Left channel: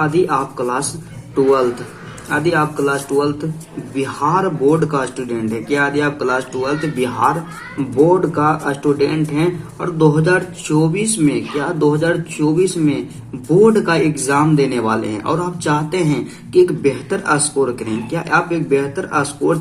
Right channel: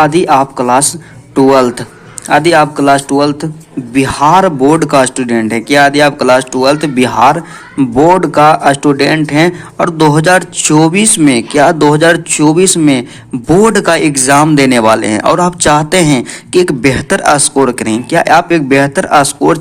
यदि आप class twelfth यदि आप क्लास ट्वेल्थ बिहार बोर्ड का स्टूडेंट है क्या यदि आप क्लास ट्वेल्थ बिहार बोर्ड का स्टूडेंट हैं और 2024 में 2024 में बोर्ड का एग्ज़ाम देने वाले हैं और आप चाहते हैं कि एक बेहतर स्कोर करें, क्या आप एक बेहतर स्कोर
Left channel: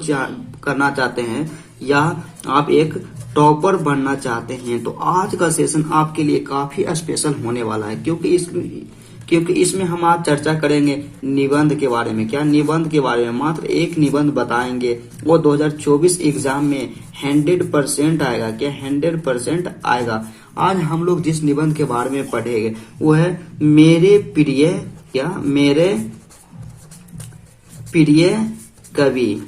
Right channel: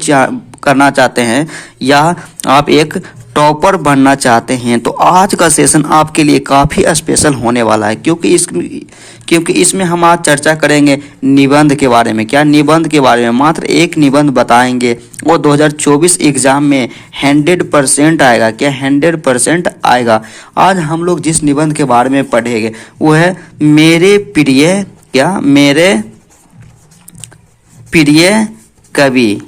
करना चाहते हैं या आप एक टॉपर बनना चाहते हैं, तो आज का सेशन आपके लिए काफ़ी स्पेशल होने वाला है क्योंकि इसमें हम आज चर्चा करेंगे निबंध के बारे में। क्या निबंध के बारे में मात्र एक निबंध बताएंगे, वो 2024 एग्ज़ाम में 100% आएगा। क्या 100% आएगा? आज हम लोग जिस निबंध के बारे में पढ़ेंगे वो है मेरे प्रिय कवि।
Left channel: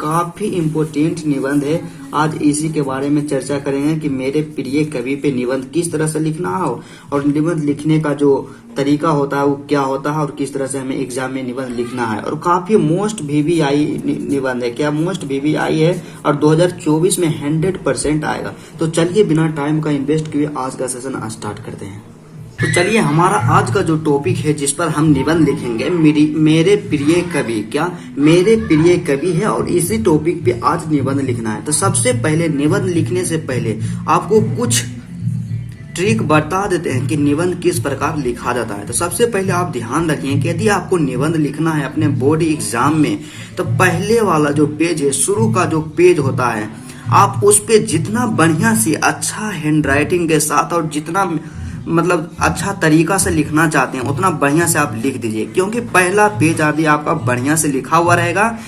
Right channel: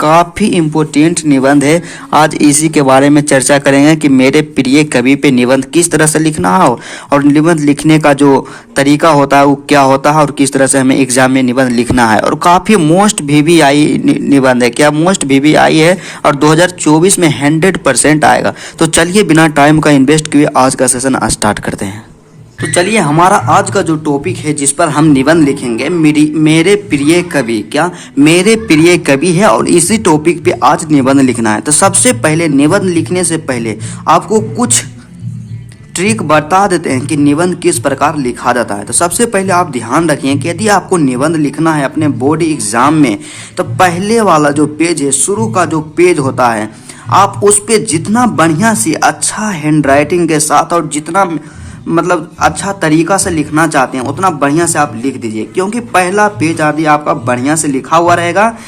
काफ़ी इम्पोर्टेंट निबंध है। आज इसी के बारे में चर्चा करेंगे कि मेरे प्रिय कवि पे निबंध किस तरह से लिखना है और निबंध लिखने का जो तरीका होता है वो क्या होता है और किस तरह से हमें एग्जाम में निबंध लिखना है। और काफ़ी मोस्ट VVI निबंध है। क्या मोस्ट VVI है और 2024 में 100% आएगा। तो चलिए बिना टाइम का इन्वेस्ट किए आज का सेशन स्टार्ट करते हैं। तो चलिए हमारा आज का जो टॉपिक है जिस पर हम निबंध लिखेंगे मेरे प्रिय कवि। क्या मेरे प्रिय कवि है और इसी टॉपिक पे आज निबंध लिखना है। तो सबसे पहले निबंध लिखने से पहले आपको कुछ ट्रिक बता देते हैं कि निबंध किस प्रकार लिखा जाता है। तो सबसे पहले आप ध्यान रखिए कि यदि आपको निबंध लिखना है अपने बोर्ड एग्जाम में, तो पहले वाला जो पेज है, शुरू का जो पेज होता है, आप उस पे जितना बढ़िया से अच्छा हैंड राइटिंग के साथ और जितना अच्छा तरीका से लिखना चाहते हैं उतना बढ़िया से आप लिख दीजिए, क्योंकि पहला पेज यदि आपका बढ़िया से लिखा हुआ रहेगा,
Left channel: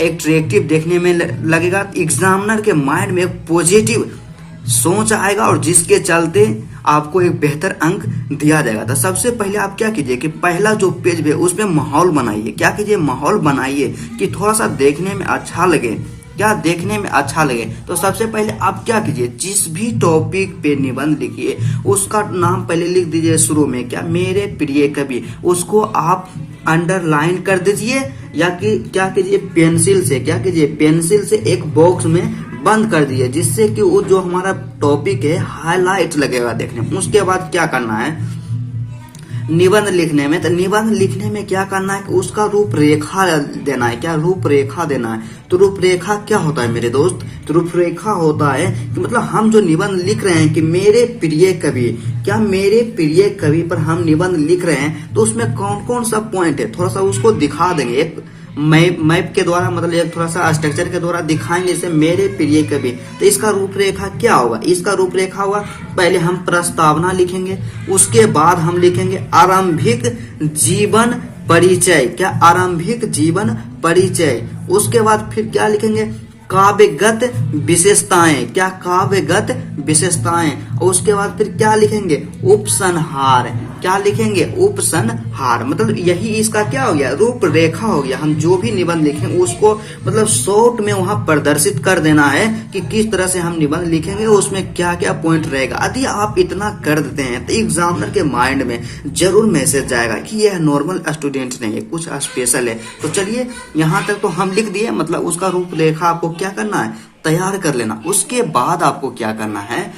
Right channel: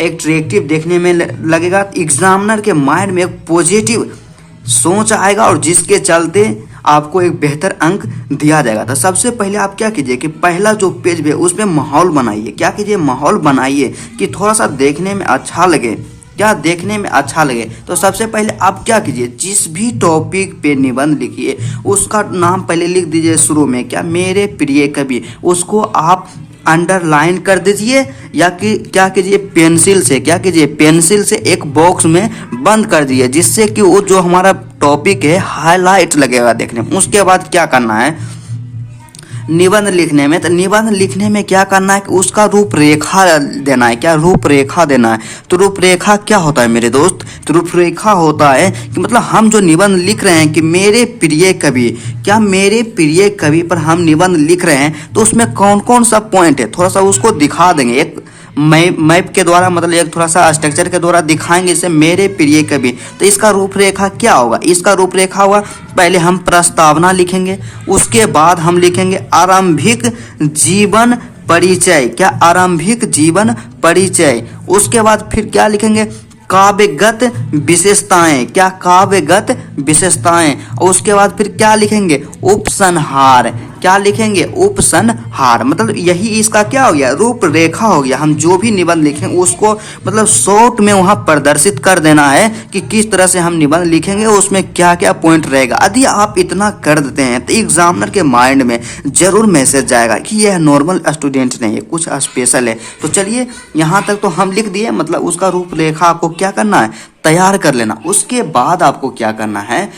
एट्रैक्टिव देखने में लगेगा, एग्जामिनर के माइंड में एक पॉजिटिव सोच आएगा और जिसके चलते आपको एक बेहतर अंक दिया जाएगा। तो सबसे पहले आप क्या कीजिए कि पहला जो पेज है उस पर माहौल बनाइए। क्या कीजिए? माहौल बनाइए कि थोड़ा सा देखने में अच्छा लगे। तो सबसे पहले आप क्या कीजिए, जिस भी टॉपिक पे निबंध लिखिए उसका नाम पहले लिख दीजिए शुरू में। क्या मेरे प्रिय कवि, उसको आप अंडरलाइन कर दीजिए या कि क्या कीजिए पेंसिल से एक बॉक्स में बंद कर दीजिए, जिससे कि वो जो हमारा टॉपिक है हाईलाइट लगेगा देखने में। उसके बाद क्या करना है निबंध लिखने में, तो निबंध लिखने में क्या करना है कि उसका रूपरेखा देना है। क्या रूपरेखा देना है? तो रूपरेखा क्या होता है मेरे दोस्त? तो रूपरेखा होता है कि मतलब हम जो निबंध लिख रहे हैं कि मेरे प्रिय कवि, क्या मेरे प्रिय कवि पर हम निबंध लिख रहे हैं तो उसमें कौन कौन सा पॉइंट है थोड़ा सा उसको दिखा देंगे। एक मैप के द्वारा, मतलब एक थोड़ा सा स्ट्रक्चर के द्वारा दिखाएंगे इसे मेरे प्रिय कवि। तो इसका रूपरेखा क्या होगा? इसका रूपरेखा होगा, पहले हम प्रस्तावना लिखेंगे, उसके बाद हम लिखेंगे आरंभिक जीवन परिचय। क्या? आरंभिक जीवन परिचय। उसके बाद फिर क्या लिखेंगे? काव्यगत विशेषताएं। क्या? काव्यगत विशेषताएं। और उसके बाद फिर क्या लिखेंगे? उपसंहार। क्या लिखेंगे? उपसंहार। मतलब यही इसका क्या हो गया? रूपरेखा हो गया। हम जो भी निबंध लिखें उसको मतलब शॉर्ट में वहां प्रदर्शित कर देना है कि किस तरह से हम निबंध लिखेंगे, उसमें क्या क्या पॉइंट रहेगा। यदि आप इतना कर देते हैं तो एग्जामिनर के माइंड में जरूर मैसेज जाएगा कि यह नॉर्मल स्टूडेंट नहीं है, कुछ स्पेशल है। तो चलिए यहाँ तक तो हम लिख दिए, मतलब उसका रूपरेखा आपको क्या करना है? तैयार कर लेना। उसके बाद आपको क्या करना है?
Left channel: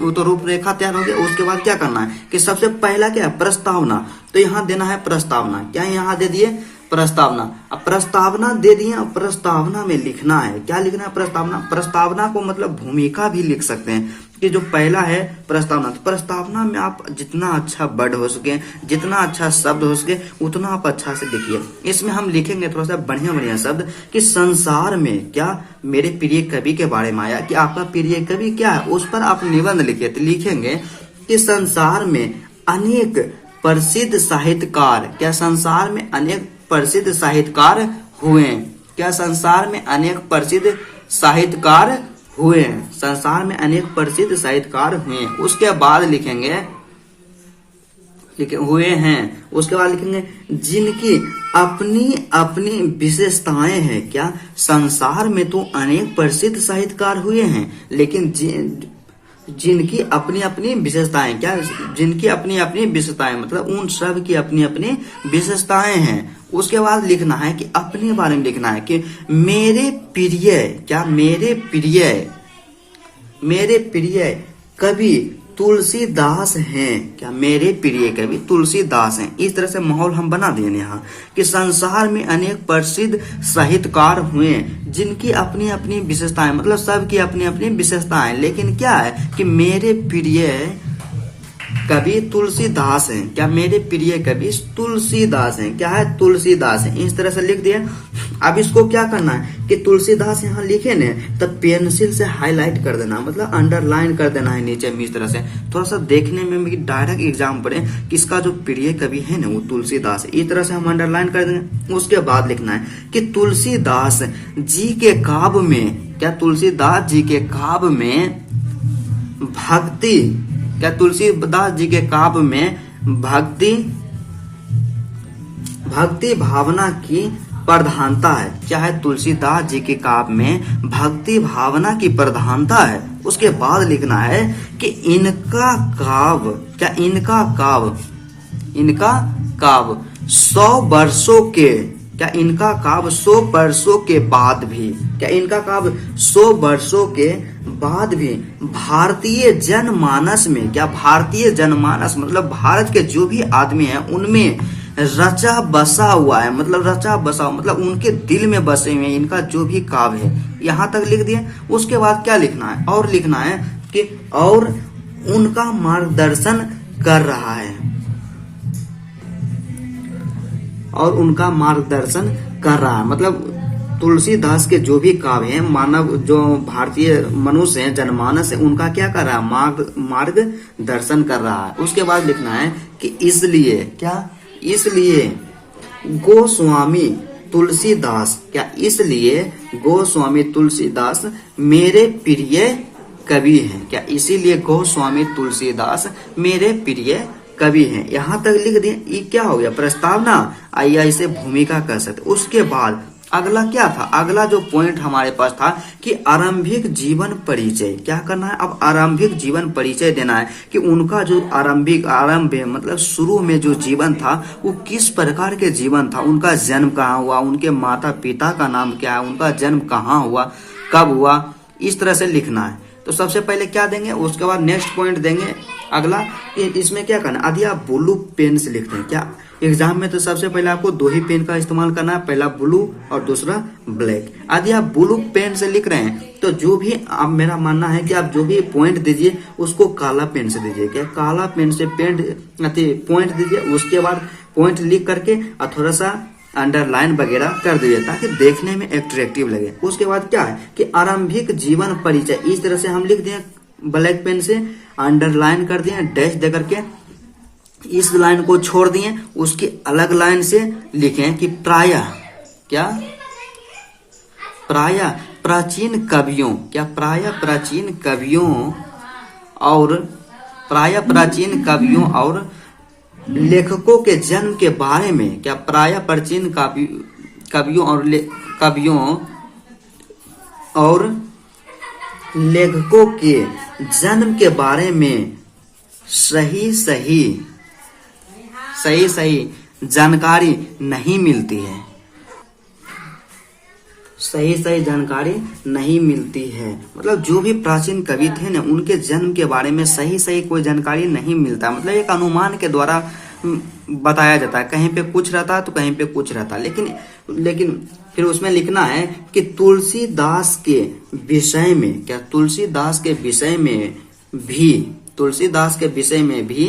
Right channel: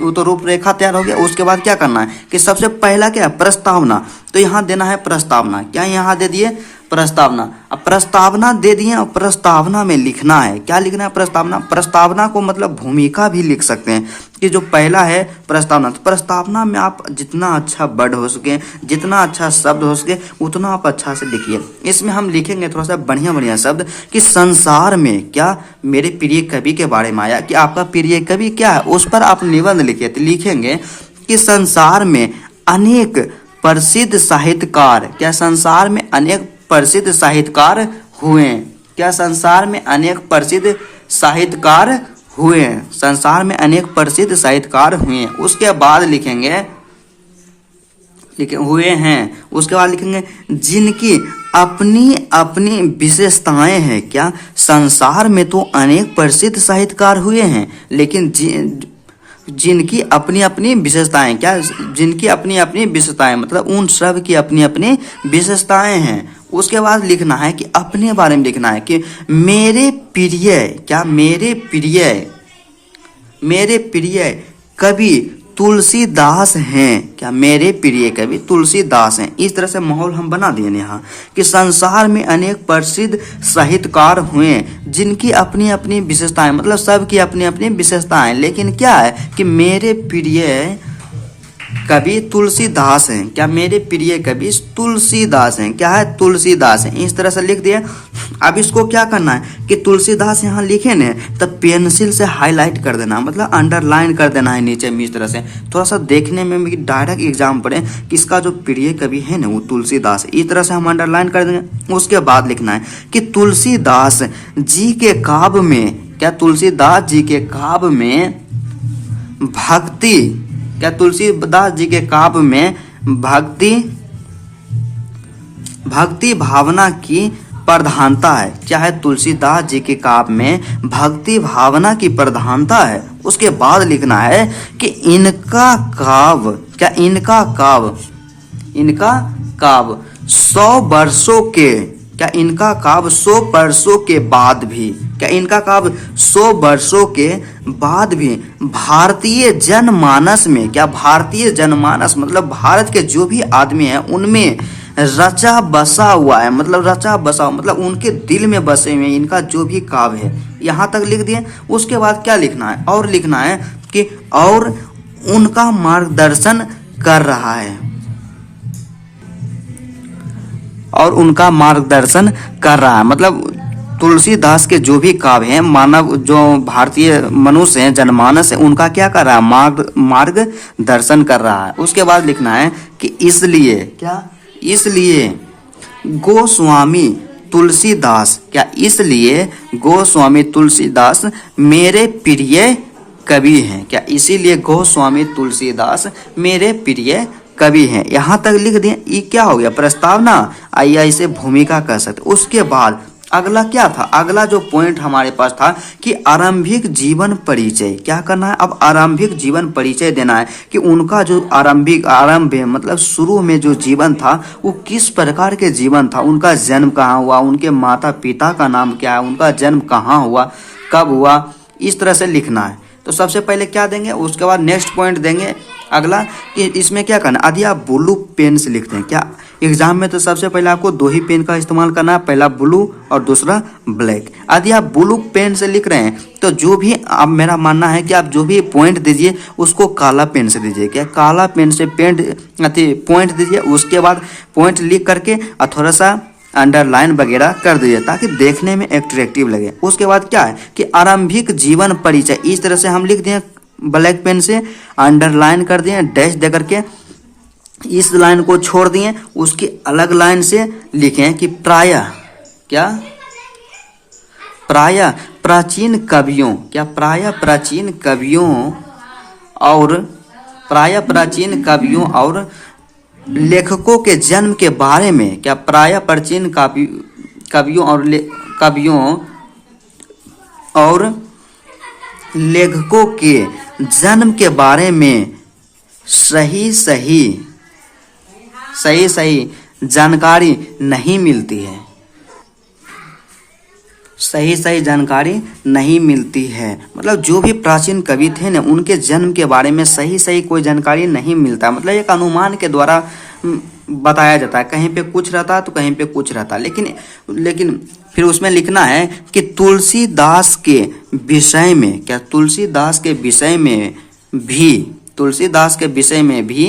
वो तो रूपरेखा तैयार हो गया। उसके बाद क्या करना है कि सबसे पहला क्या? प्रस्तावना। तो यहाँ देना है प्रस्तावना। क्या यहाँ दे दिए? प्रस्तावना। अब प्रस्तावना दे दिए और प्रस्तावना में लिखना है। क्या लिखना है? प्रस्तावना को मतलब भूमिका भी लिख सकते हैं कि जो पहला है प्रस्तावना। तो प्रस्तावना में आप जितना अच्छा वर्ड हो सके, जितना अच्छा शब्द हो सके उतना आप अच्छा से लिखिए। इसमें हम लिखेंगे थोड़ा सा बढ़िया शब्द कि संसार में क्या मेरे प्रिय कवि के बारे में आया कि आपका प्रिय कवि क्या है, उस पर आप निबंध लिखिए। तो लिखेंगे कि संसार में अनेक प्रसिद्ध साहित्यकार। क्या? संसार में अनेक प्रसिद्ध साहित्यकार हुए। क्या? संसार में अनेक प्रसिद्ध साहित्यकार हुए। संसार में अनेक प्रसिद्ध साहित्यकार हुए। उसके बाद लिखेंगे हुए हैं। उसके बाद लिखेंगे जिनकी अपनी अपनी विशेषताएं हैं। क्या? संसार में तो अनेक प्रसिद्ध साहित्यकार हुए हैं, लेकिन जिनकी अपनी अपनी विशेषताएं। क्या? जिनकी अपनी अपनी विशेषताएं, मतलब उन सब की अपनी अपनी विशेषताएं हैं। उसके बाद लिखना है कि अपने बारे में लिखना है कि मेरे प्रिय कवि तुलसीदास हैं, क्या मेरे प्रिय कवि तुलसीदास हैं। इस तरह से माहौल हम बना दिए यहाँ कि संसार में अनेक प्रसिद्ध साहित्यकार हुए जिनकी अपनी अपनी विशेषताएं, मतलब सबकी अपनी अपनी विशेषताएं, लेकिन क्या है कि मेरे प्रिय कवि तुलसीदास हैं, क्या मेरे प्रिय कवि तुलसीदास हैं, क्या है तुलसीदास हैं। इस तरह से लिख दिया। अब इसको क्या करना है कि तुलसीदास यहाँ लिखे ना तब पेंसिल से हाईलाइट कर देना, मतलब अंडरलाइन कर देना है नीचे में। इस तरह से थोड़ा सा देखने में भी डायरेक्ट एग्जाम पड़े कि इसका जो प्रिय कवि है ना वो तुलसीदास है। इस तरह से हम अंडरलाइन कर देंगे। उसके बाद लिखना है कि तुलसीदास जी के काव्य में, क्या तुलसीदास जी के काव्य में भक्ति, क्या तुलसीदास जी के काव्य में भक्ति भावना की प्रधानता है। क्या है तुलसीदास जी के काव्य में भक्ति भावना की प्रधानता है। उसके बाद लिखना है कि इनका काव्य, क्या इनका काव्य 100 वर्षों के, क्या इनका काव्य 100 वर्षों के बाद भी, क्या इनका काव्य 100 वर्षों के बाद भी भारतीय जनमानस में, क्या भारतीय जनमानस मतलब भारत के जो भी आदमी हैं उनमें रचा बसा हुआ है, मतलब रचा बसा, मतलब उनके दिल में बसे हुए इनका जो भी काव्य है। यहाँ तक लिख दिए। उसके बाद क्या लिखना है, और लिखना है कि और उनका मार्गदर्शन कर रहा है, और उनका मार्गदर्शन कर रहा है, मतलब तुलसीदास के जो भी काव्य हैं, मानव जो भारतीय मनुष्य हैं, जनमानस है, उनका क्या कर रहा है, मार्गदर्शन कर रहा है। उसके बाद लिखना है कि इसलिए, क्या इसलिए गोस्वामी तुलसीदास, क्या इसलिए गोस्वामी तुलसीदास मेरे प्रिय कवि हैं, क्या इसीलिए गोस्वामी तुलसीदास मेरे प्रिय कवि हैं। यहाँ तक लिख दिए। ये क्या हो गया, प्रस्तावना, आइए इसे भूमिका कह सकते। उसके बाद अगला क्या था, अगला जो पॉइंट हमारे पास था कि आरंभिक जीवन परिचय। क्या करना है, अब आरंभिक जीवन परिचय देना है कि उनका जो आरंभ है, मतलब शुरू में जो जीवन था वो किस प्रकार के जीवन था, उनका जन्म कहाँ हुआ, उनके माता पिता का नाम क्या है, उनका जन्म कहाँ हुआ, कब हुआ, इस तरह से लिखना है। तो सबसे पहले क्या देंगे, उसके बाद नेक्स्ट पॉइंट देंगे अगला कि इसमें क्या करना। यदि आप ब्लू पेन से लिखते हैं, क्या एग्जाम में तो सबसे पहले आपको 2 ही पेन का इस्तेमाल करना है, पहला ब्लू और दूसरा ब्लैक। यदि आप ब्लू पेन से लिख रहे हैं तो जो भी, अब मेरा मानना है कि आप जो भी पॉइंट दीजिए उसको काला पेन से दीजिए, क्या काला पेन से पॉइंट दीजिए। उसके बाद पॉइंट लिख करके और थोड़ा सा अंडरलाइन वगैरह कर दीजिए ताकि देखने में एट्रैक्टिव लगे। उसके बाद क्या है कि आरंभिक जीवन परिचय, इस तरह से हम लिख दिए ब्लैक पेन से, अंडरलाइन कर दिए, डैश दे करके इस लाइन को छोड़ दिए। उसकी अलग लाइन से लिखें कि प्रायः, क्या प्रायः प्राचीन कवियों, क्या प्रायः प्राचीन कवियों और लेखकों के जन्म के बारे में, क्या प्रायः प्राचीन कवियों और लेखकों के जन्म के बारे में सही जानकारी नहीं मिलती है, सही जानकारी नहीं मिलती है। मतलब जो भी प्राचीन कवि थे ना उनके जन्म के बारे में सही कोई जानकारी नहीं मिलता, मतलब एक अनुमान के द्वारा बताया जाता है, कहीं पे कुछ रहता है तो कहीं पे कुछ रहता है। लेकिन फिर उसमें लिखना है कि तुलसीदास के विषय में, क्या तुलसीदास के विषय में भी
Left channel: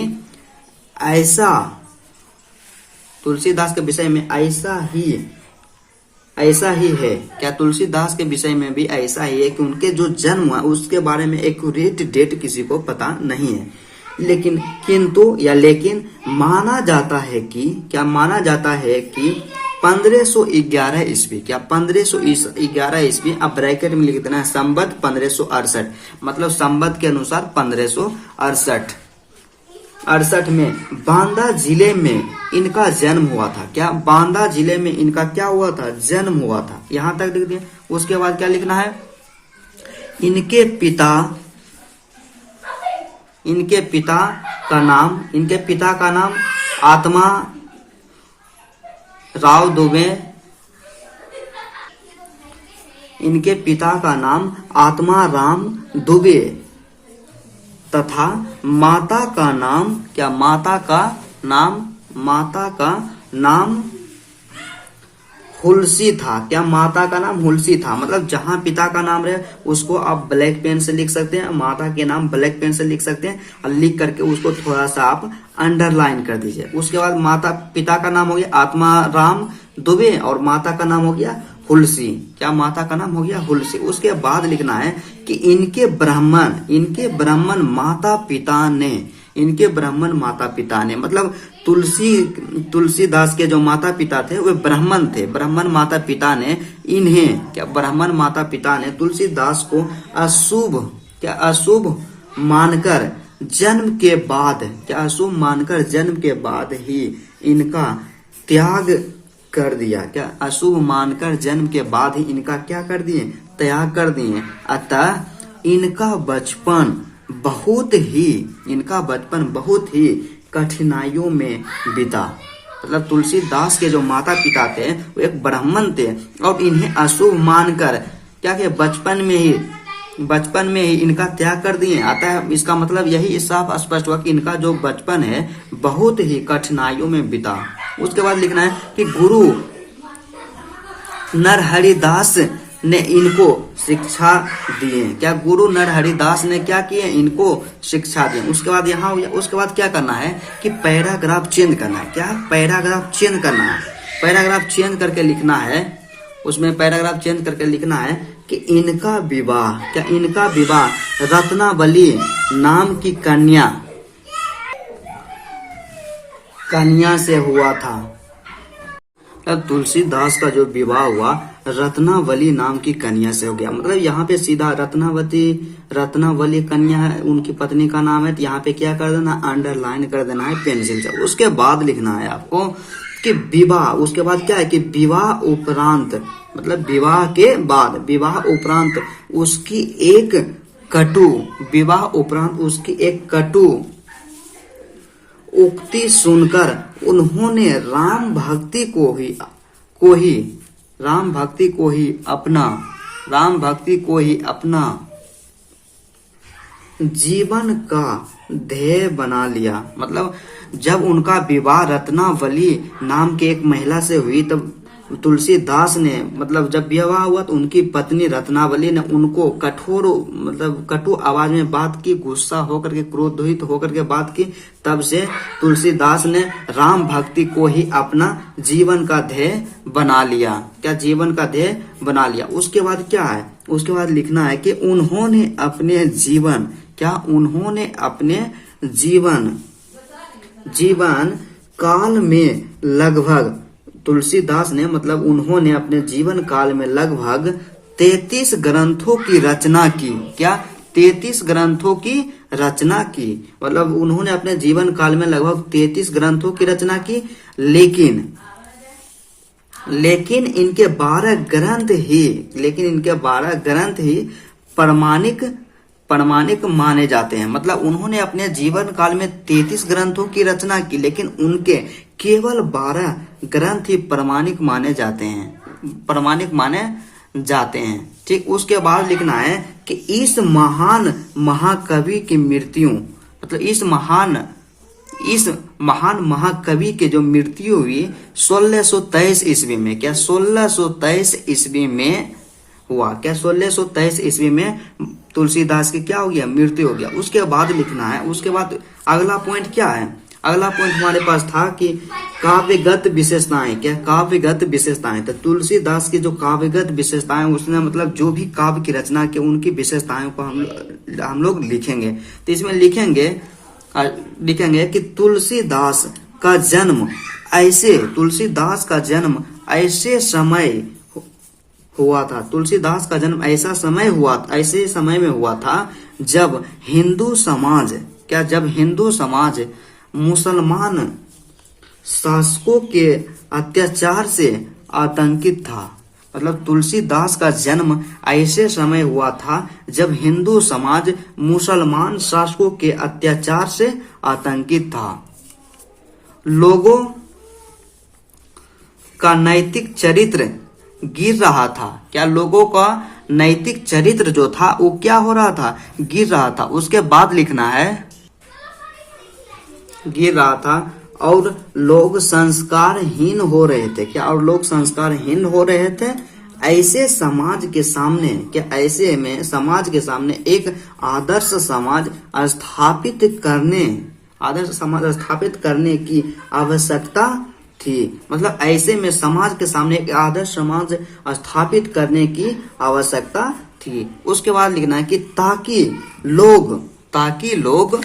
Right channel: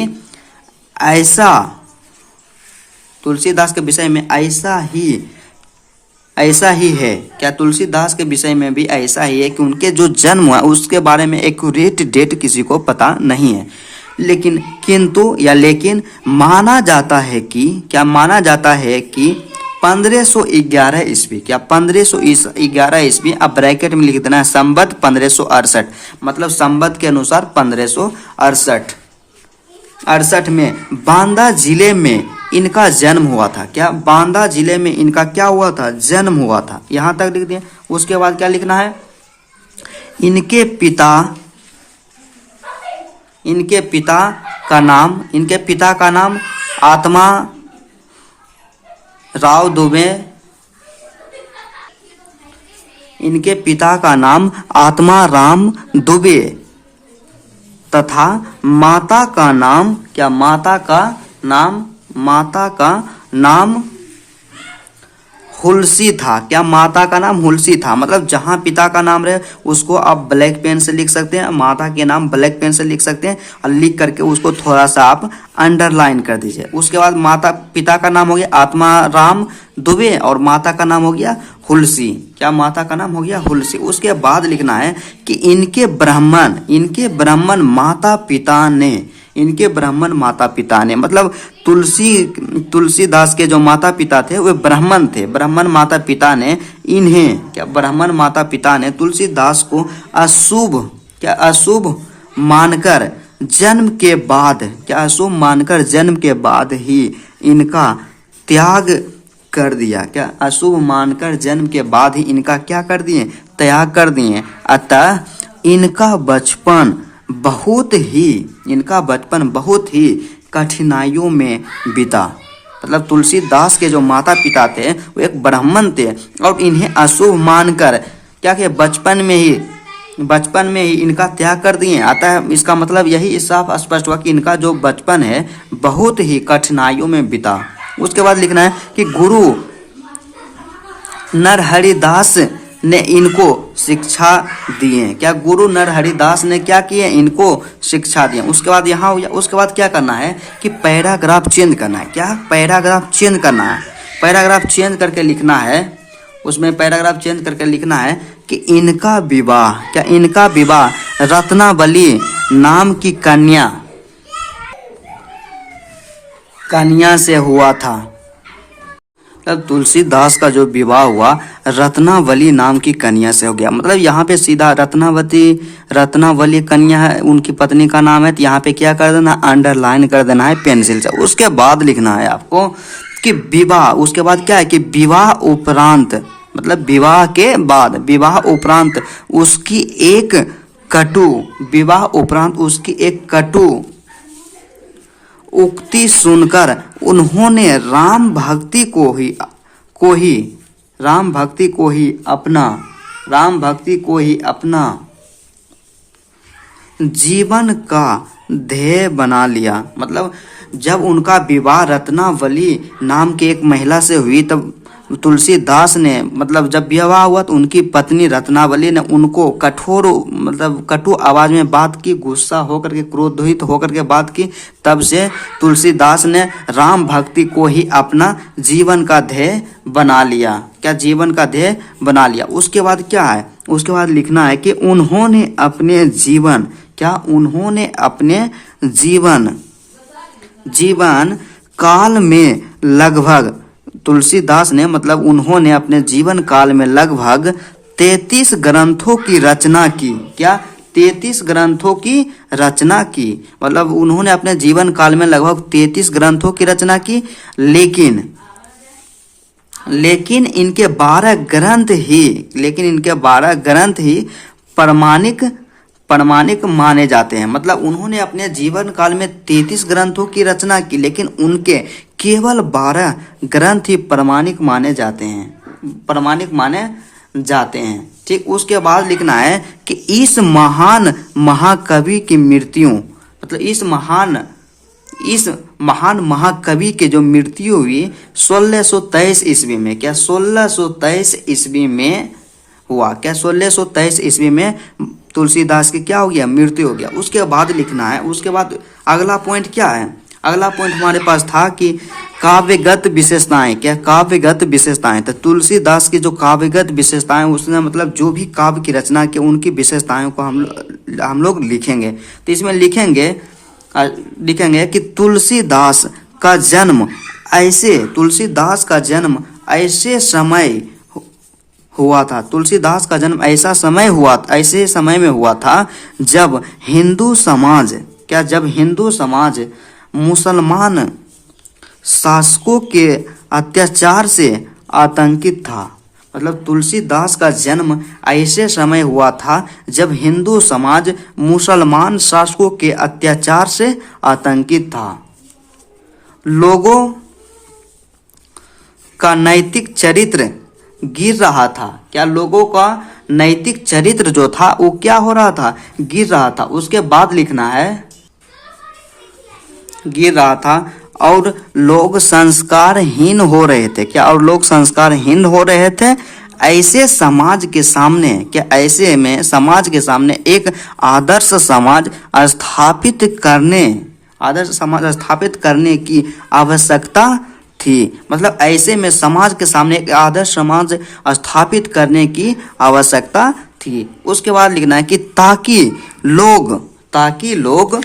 ऐसा ही है, क्या तुलसीदास के विषय में भी ऐसा ही है कि उनके जो जन्म हुआ उसके बारे में एक्यूरेट डेट किसी को पता नहीं है। लेकिन माना जाता है कि, क्या माना जाता है कि 1511 ईस्वी, क्या 1511 ईस्वी, अब ब्रैकेट में लिख देना है संवत 1568, मतलब संवत के अनुसार 1568 में बांदा जिले में इनका जन्म हुआ था। क्या बांदा जिले में इनका क्या हुआ था, जन्म हुआ था। यहाँ तक लिख दिए। उसके बाद क्या लिखना है, इनके पिता का नाम आत्मा राव दुबे, इनके पिता का नाम आत्मा राम दुबे तथा माता का नाम, क्या माता का नाम, माता का नाम हुलसी था। क्या माता का नाम हुलसी था, मतलब जहां पिता का नाम रहे उसको आप ब्लैक पेन से लिख सकते हैं, माता के नाम ब्लैक पेन से लिख सकते हैं और लिख करके उसको थोड़ा सा आप अंडरलाइन कर दीजिए। उसके बाद माता पिता का नाम हो गया आत्माराम दुबे और माता का नाम हो गया हुलसी। क्या माता का नाम हो गया हुलसी। उसके बाद लिखना है कि इनके ब्राह्मण माता पिता ने, इनके ब्राह्मण माता पिता ने, मतलब तुलसीदास के जो माता पिता थे वे ब्राह्मण थे। ब्राह्मण माता पिता ने इन्हें, क्या ब्राह्मण माता पिता ने तुलसीदास को अशुभ, क्या अशुभ मानकर जन्म के बाद, क्या अशुभ मानकर जन्म के बाद ही इनका त्याग कर दिया। क्या अशुभ मानकर जन्म के बाद ही इनका क्या कर दिए, त्याग कर दिए। अतः इनका बचपन बहुत ही कठिनाइयों में बीता। मतलब तुलसीदास के जो माता पिता थे वो एक ब्राह्मण थे और इन्हें अशुभ मानकर क्या किया, बचपन में ही इनका त्याग कर दिए। अतः इसका मतलब यही साफ स्पष्ट हुआ कि इनका जो बचपन है बहुत ही कठिनाइयों में बीता। उसके बाद लिखना है कि गुरु नरहरिदास ने इनको शिक्षा दिए। क्या गुरु नरहरिदास ने क्या किए, इनको शिक्षा दिए। उसके बाद यहाँ उसके बाद क्या करना है कि पैराग्राफ चेंज करना है। क्या पैराग्राफ चेंज करना है, पैराग्राफ चेंज करके लिखना है। उसमें पैराग्राफ चेंज करके लिखना है कि इनका विवाह, क्या इनका विवाह रत्नावली नाम की कन्या से हुआ था। तब तुलसीदास का जो विवाह हुआ रत्नावली नाम की कन्या से हो गया। मतलब यहाँ पे सीधा रत्नावली कन्या है, उनकी पत्नी का नाम है, तो यहाँ पे क्या कर देना, अंडरलाइन कर देना है पेंसिल से। उसके बाद लिखना है आपको कि विवाह, उसके बाद क्या है कि विवाह उपरांत, मतलब विवाह के बाद, विवाह उपरांत उसकी एक कटु उक्ति सुनकर उन्होंने राम भक्ति को ही अपना जीवन का ध्येय बना लिया। मतलब जब उनका विवाह रत्नावली नाम की एक महिला से हुई तब तुलसीदास ने, मतलब जब विवाह हुआ तो उनकी पत्नी रत्नावली ने उनको कटु आवाज में बात की, गुस्सा होकर के, क्रोधित होकर के बात की। तब से तुलसीदास ने राम भक्ति को ही अपना जीवन का ध्येय बना लिया। क्या जीवन का ध्येय बना लिया। उसके बाद क्या है, उसके बाद लिखना है कि उन्होंने अपने जीवन काल में लगभग, तुलसीदास ने, मतलब उन्होंने अपने जीवन काल में लगभग 33 ग्रंथों की रचना की। क्या 33 ग्रंथों की रचना की, मतलब उन्होंने अपने जीवन काल में लगभग 33 ग्रंथों की रचना की। लेकिन इनके 12 ग्रंथ ही प्रमाणिक माने जाते हैं। मतलब उन्होंने अपने जीवन काल में 33 ग्रंथों की रचना की, लेकिन उनके केवल 12 ग्रंथ ही प्रमाणिक माने जाते हैं। ठीक। उसके बाद लिखना है कि इस महान महाकवि की मृत्यु, मतलब इस महान महाकवि के जो मृत्यु हुई 1623 ईस्वी में। क्या 1623 ईस्वी में हुआ। क्या 1623 ईस्वी में तुलसीदास की क्या हो गया, मृत्यु हो गया। उसके बाद लिखना है, उसके बाद अगला पॉइंट क्या है, अगला पॉइंट हमारे पास था कि काव्यगत विशेषताएं। क्या काव्यगत विशेषताएं, तो तुलसीदास की जो काव्यगत विशेषताएं, उसने मतलब जो भी काव्य की रचना की उनकी विशेषताओं को हम लोग लिखेंगे। तो इसमें लिखेंगे कि तुलसीदास का जन्म ऐसे समय हुआ था। तुलसीदास का जन्म ऐसे समय में हुआ था जब हिंदू समाज मुसलमान शासकों के अत्याचार से आतंकित था। मतलब तुलसीदास का जन्म ऐसे समय हुआ था जब हिंदू समाज मुसलमान शासकों के अत्याचार से आतंकित था। लोगों का नैतिक चरित्र गिर रहा था। क्या लोगों का नैतिक चरित्र जो था वो क्या हो रहा था, गिर रहा था। उसके बाद लिखना है, गिर रहा था और लोग संस्कारहीन हो रहे थे। क्या, और लोग संस्कारहीन हो रहे थे। ऐसे समाज के सामने, क्या ऐसे में समाज के सामने एक आदर्श समाज स्थापित करने, आदर्श समाज स्थापित करने की आवश्यकता थी। मतलब ऐसे में समाज के सामने एक आदर्श समाज स्थापित करने की आवश्यकता थी। उसके बाद लिखना है कि ताकि लोग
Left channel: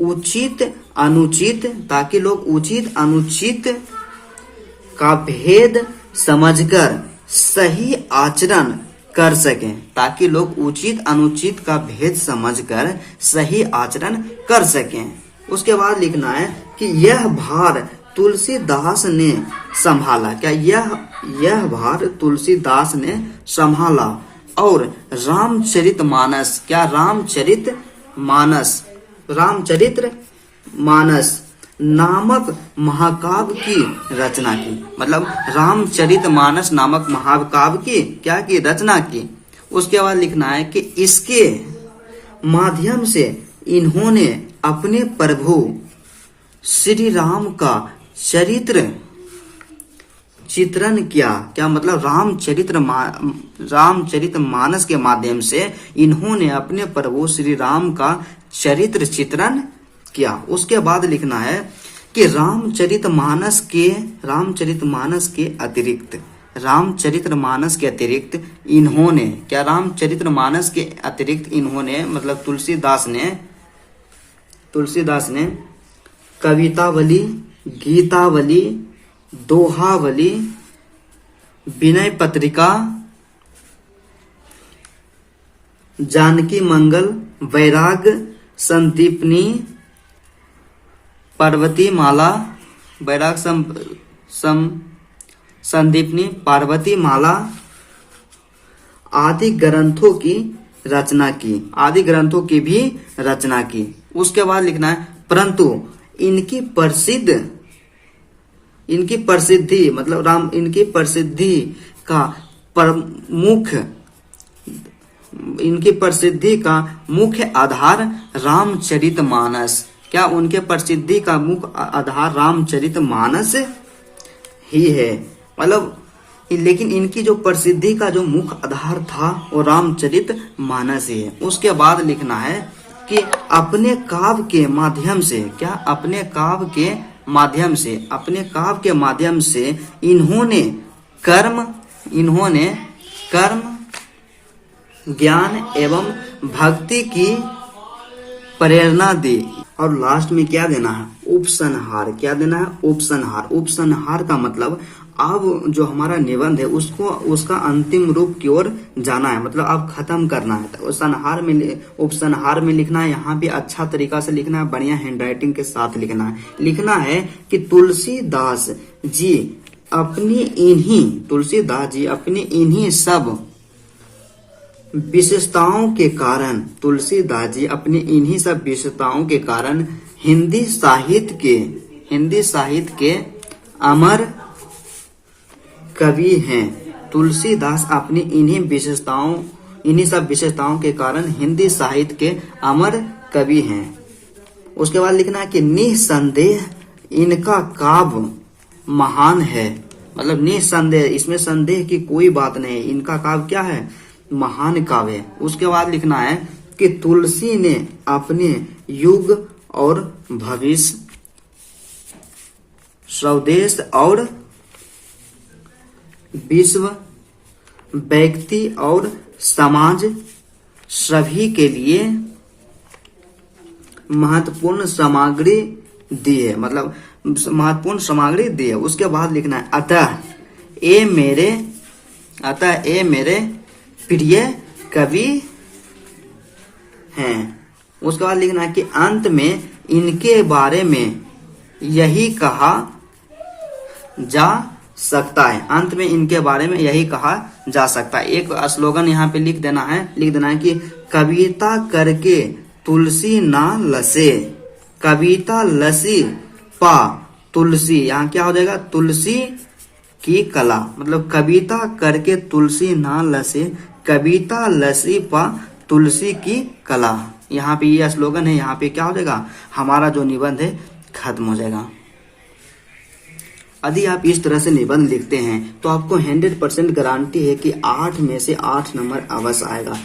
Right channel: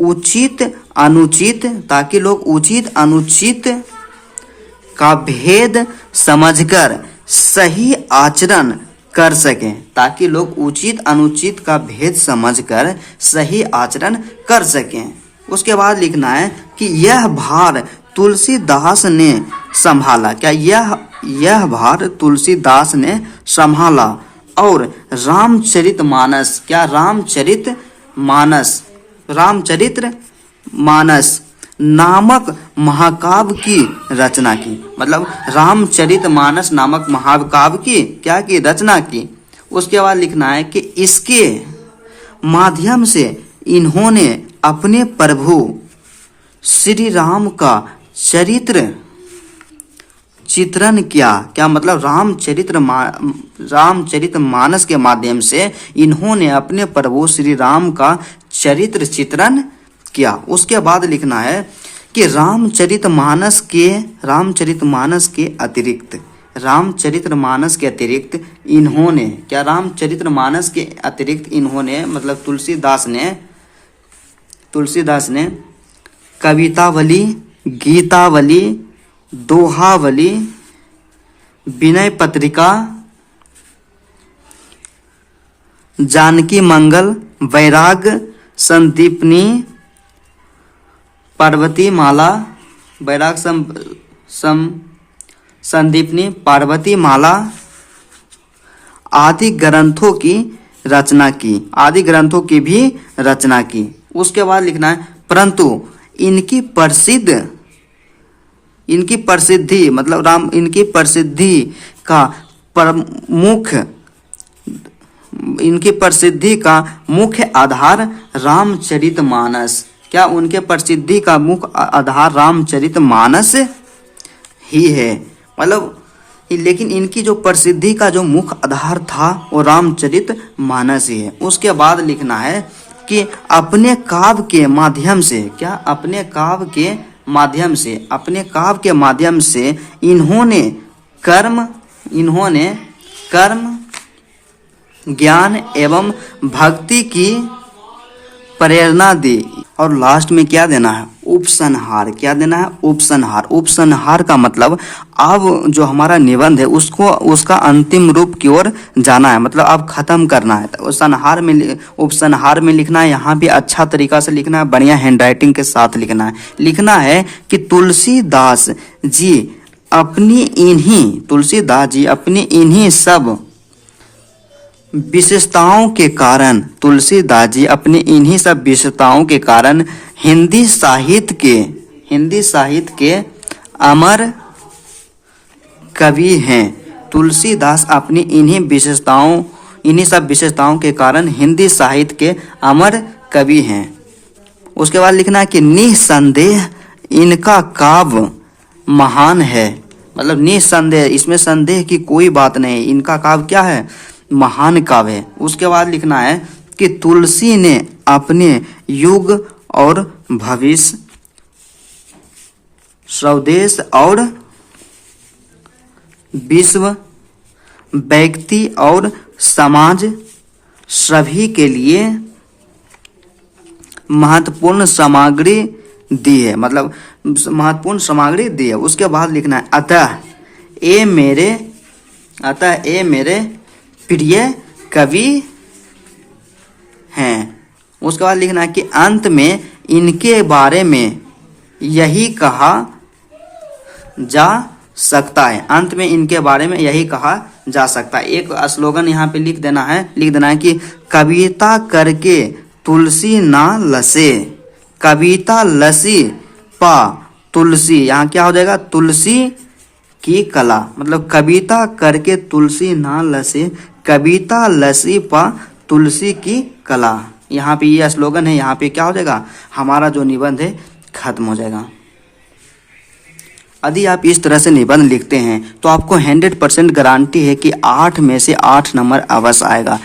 उचित अनुचित, ताकि लोग उचित अनुचित का भेद समझकर सही आचरण कर सकें, ताकि लोग उचित अनुचित का भेद समझकर सही आचरण कर सकें। उसके बाद लिखना है कि यह भार तुलसीदास ने संभाला। क्या, यह भार तुलसीदास ने संभाला और रामचरितमानस, क्या रामचरितमानस नामक महाकाव्य की रचना की। मतलब रामचरितमानस नामक महाकाव्य की क्या की, रचना की। उसके बाद लिखना है कि इसके माध्यम से इन्होंने अपने प्रभु श्री राम का चित्रण किया। क्या मतलब रामचरितमानस के माध्यम से इन्होंने अपने प्रभु श्री राम का चित्रण किया। उसके बाद लिखना है कि रामचरितमानस के अतिरिक्त इन्होंने, क्या रामचरितमानस के अतिरिक्त इन्होंने मतलब तुलसीदास ने कवितावली, गीतावली, दोहावली, विनय पत्रिका, जानकी मंगल, वैराग संदीपनी, पार्वती माला, वैराग संदीपनी, पार्वती माला आदि ग्रंथों की रचना की, आदि ग्रंथों की भी रचना की। उसके बाद लिखना है परंतु इनकी प्रसिद्धि मतलब इनकी प्रसिद्धि का मुख्य आधार रामचरितमानस। क्या, उनके प्रसिद्धि का मुख्य आधार रामचरितमानस ही है। मतलब लेकिन इनकी जो प्रसिद्धि का जो मुख्य आधार था वो रामचरितमानस ही है। उसके बाद लिखना है कि अपने काव्य के माध्यम से, क्या अपने काव्य के माध्यम से इन्होंने कर्म ज्ञान एवं भक्ति की प्रेरणा दी। और लास्ट में क्या देना है, उपसंहार। क्या देना है, उपसंहार। उपसंहार का मतलब अब जो हमारा निबंध है उसका अंतिम रूप की ओर जाना है, मतलब अब खत्म करना है। तो उपसंहार में लिखना है, यहाँ भी अच्छा तरीका से लिखना है, बढ़िया हैंडराइटिंग के साथ लिखना है। लिखना है कि तुलसीदास जी अपनी इन्हीं सब विशेषताओं के कारण हिंदी साहित्य के अमर कवि हैं। तुलसीदास अपनी इन्हीं सब विशेषताओं के कारण हिंदी साहित्य के अमर कवि हैं। उसके बाद लिखना है कि निसंदेह इनका काव्य महान है। मतलब निसंदेह, इसमें संदेह की कोई बात नहीं, इनका काव्य क्या है, महान काव्य है। उसके बाद लिखना है कि तुलसी ने अपने युग और भविष्य, स्वदेश और विश्व, व्यक्ति और समाज सभी के लिए महत्वपूर्ण सामग्री दी है। मतलब महत्वपूर्ण सामग्री दी है। उसके बाद लिखना है अतः ये मेरे प्रिय कवि हैं। उसके बाद लिखना है कि अंत में इनके बारे में यही कहा जा सकता है। अंत में इनके बारे में यही कहा जा सकता है। एक स्लोगन यहाँ पे लिख देना है कि कविता करके तुलसी ना लसे, कविता लसी पा तुलसी। यहाँ क्या हो जाएगा, तुलसी की कला, मतलब कविता करके तुलसी ना लसे, कविता लसी पा तुलसी की कला। यहाँ पे ये स्लोगन है, यहाँ पे क्या हो जाएगा, हमारा जो निबंध है खत्म हो जाएगा। यदि आप इस तरह से निबंध लिखते हैं तो आपको 100% गारंटी है कि 8 में से 8 नंबर अवश्य आएगा।